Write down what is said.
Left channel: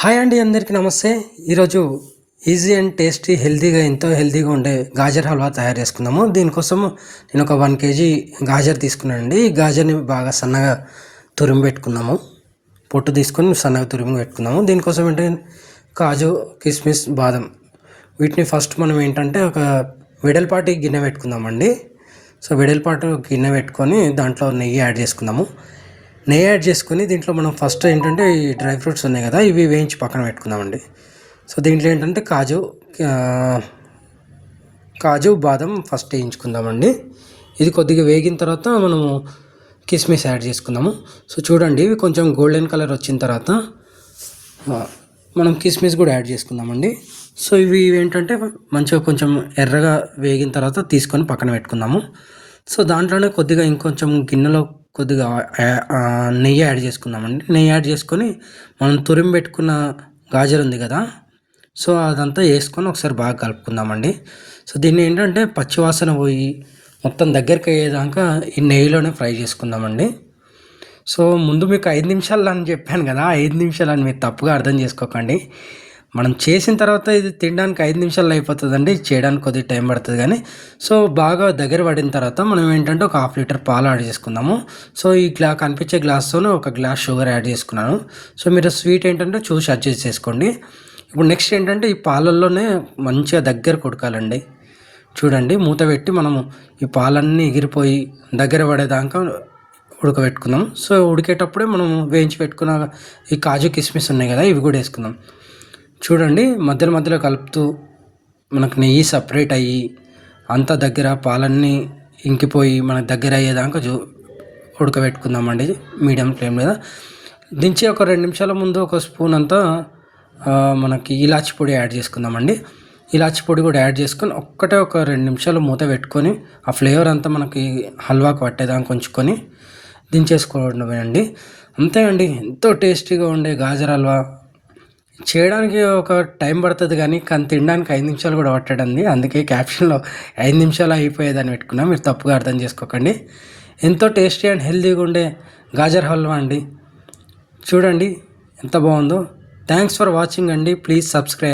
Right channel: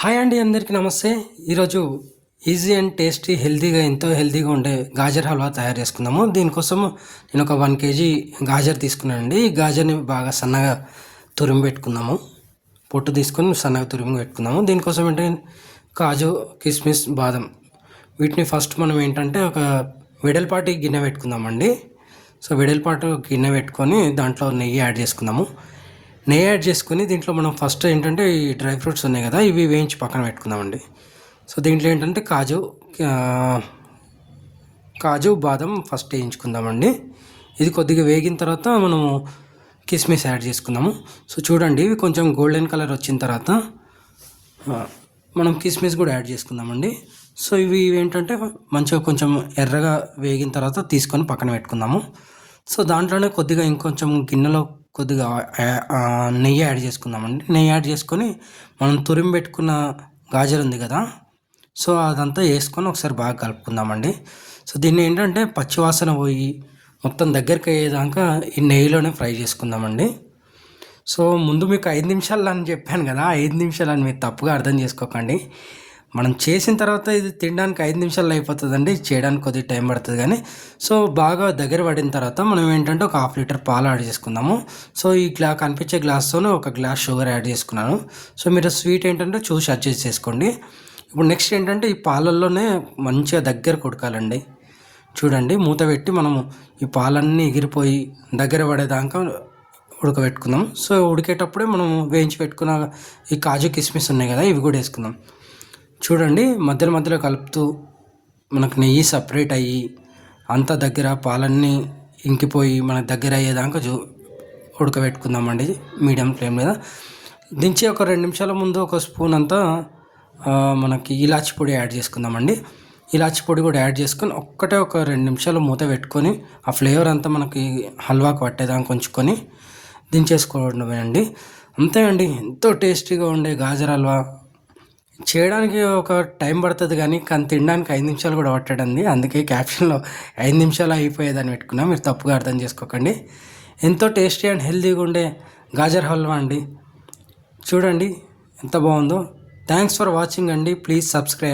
Hi అండి, అందరికీ నమస్తే. ఈరోజు ఈజీ అండ్ టేస్టీ హెల్తీగా ఎంతో హెల్తీగా ఉండే గాజర్ హల్వా తయారు చేసుకుందాము. దీనికోసం నేను ఒక 1 కేజీ గాజర్ తీసుకున్నాను అండి. ఈ గాజర్ని బాగా సన్నగా తురిమి పెట్టుకుందాము. పొట్టు తీసుకొని సన్నగా తురిమి పెట్టుకుందాము. దీనికోసం ఏంటంటే కాజు, కిస్మిస్, బాదం వీటిని ఫస్ట్ మనం ఏంటంటే ఒక వెడల్పాటి గిన్నె పెట్టుకుందామండి. సో వెడల్పాటు గిన్నె పెట్టుకొని దాంట్లో నెయ్యి యాడ్ చేసుకుందాము. నెయ్యి యాడ్ చేసుకొని దీంట్లో మనం ఫస్ట్ ఏంటంటే ఈ డ్రై ఫ్రూట్స్ ఉన్నాయి కదా, ఇవి వేయించి పక్కన పెట్టుకుందామండి. సో దీంట్లో ఏంటంటే కాజు బాదం ఫస్ట్ వేయించుకుందామండి. ఇది కొద్దిగా వేగిన తర్వాత మనము కిస్మిస్ యాడ్ చేసుకుందాము. సో చూడండి, ఇవి కొంచెం గోల్డెన్ కలర్ వచ్చిన తర్వాత మనం కిస్మిస్ కూడా యాడ్ చేసుకుందామండి. సో ఇవి ఏంటంటే మంచిగా కొంచెం ఎర్రగా వేగిన తర్వాత తీసుకొని పక్కన పెట్టుకుందాము. సో దాంట్లోనే కొద్దిగా ఇంకొంచెం గిన్నెలో కొద్దిగా నెయ్యి యాడ్ చేసుకుందామండి. నెయ్యి యాడ్ చేసుకొని మనం తురిమి పెట్టుకున్న గాజర్ ఉంది కదా, సో అదంతా వేసుకొని ఒకసారి బాగా కలుపుకుందామండి. సో దీన్ని ఏంటంటే పచ్చివాసన పోయి మొత్తం దగ్గరికి అయ్యేదాకా ఈ నెయ్యిలోనే ఫ్రై చేసుకుందామండి. సో ముందు మీకు 5 నిమిషాలు అని చెప్పాను కదా, 5 నిమిషాలు అని మీరు తప్పుగా అర్థం చేసుకోకండి. మనం చేసిన తర్వాత ఇది తినడానికి 5 నిమిషాల్లో అయిపోతుందండి. చేయడానికి కొద్దిగా టైం పడుతుంది కానీ. సో బాగా దగ్గర పడిన తర్వాత మనం ఏంటంటే ఒక 1/2 లీటర్ పాలు యాడ్ చేసుకుందాము. సో ఈ కనిపించే గ్లాస్తోనే ఒక గ్లాస్ షుగర్ యాడ్ చేసుకున్నాను. సో మీరు స్వీట్ ఏంటంటే చూసి అడ్జస్ట్ చేసుకోండి. ఇప్పుడు నెక్స్ట్ ఏంటంటే ఈ పాలల్లోనే మంచిగా దగ్గర కొడకాలండి. చూడండి, మూత పెట్టి మనము ఈ పాలన్నీ ఎగిరిపోయి దగ్గర పడేదాకా ఉడకబెట్టుకుందాం. సో ఉడికేటప్పుడే మనం వేయించి పెట్టుకున్న ఈ కాజు కిస్మిస్ ఉన్నాయి కదా, ఇవి కూడా వేసుకుందాం. చూడండి, మధ్యలో మధ్యలో కలుపుతూ మనకు నెయ్యి సపరేట్ అయ్యి అంతా దగ్గర పాలన్నీ ఇంకిపోయి మనకు దగ్గర అయ్యేదాకా ఉడకబెట్టుకుందామండి మీడియం ఫ్లేమ్ మీద. దించి ఒక 2 నిమిషాల ముందు ఒక స్పూన్ అంతా మనకి ఇలాచి పొడి యాడ్ చేసుకుందామండి. ఇలాచి పొడి కూడా యాడ్ చేసుకొని ఒక 2 నిమిషాలు మూత పెట్టుకొని ఆ ఫ్లేవర్ అంతా మనకి హల్వాకు పట్టేదాకా ఉంచుకొని దించేసుకోవడమే అండి. అంతే అండి, ఎంతో టేస్టీగా ఉండే గాజర్ హల్వా. చేయడానికి ఒక టైం పడుతుంది కానీ తినడానికి 5 నిమిషాలు కూడా పట్టడండి. అందుకే క్యాప్షన్లో 5 నిమిషాలు అయిపోయేదని పెట్టుకున్నా, మీరు తప్పుగా అర్థం చేసుకోకండి. ఎంతో టేస్టీ అండ్ హెల్తీగా ఉండే గాజర్ హల్వా అండి. చూడండి ఎంత బాగుందో. థ్యాంక్స్ ఫర్ వాచింగ్ అండి. Please subscribe.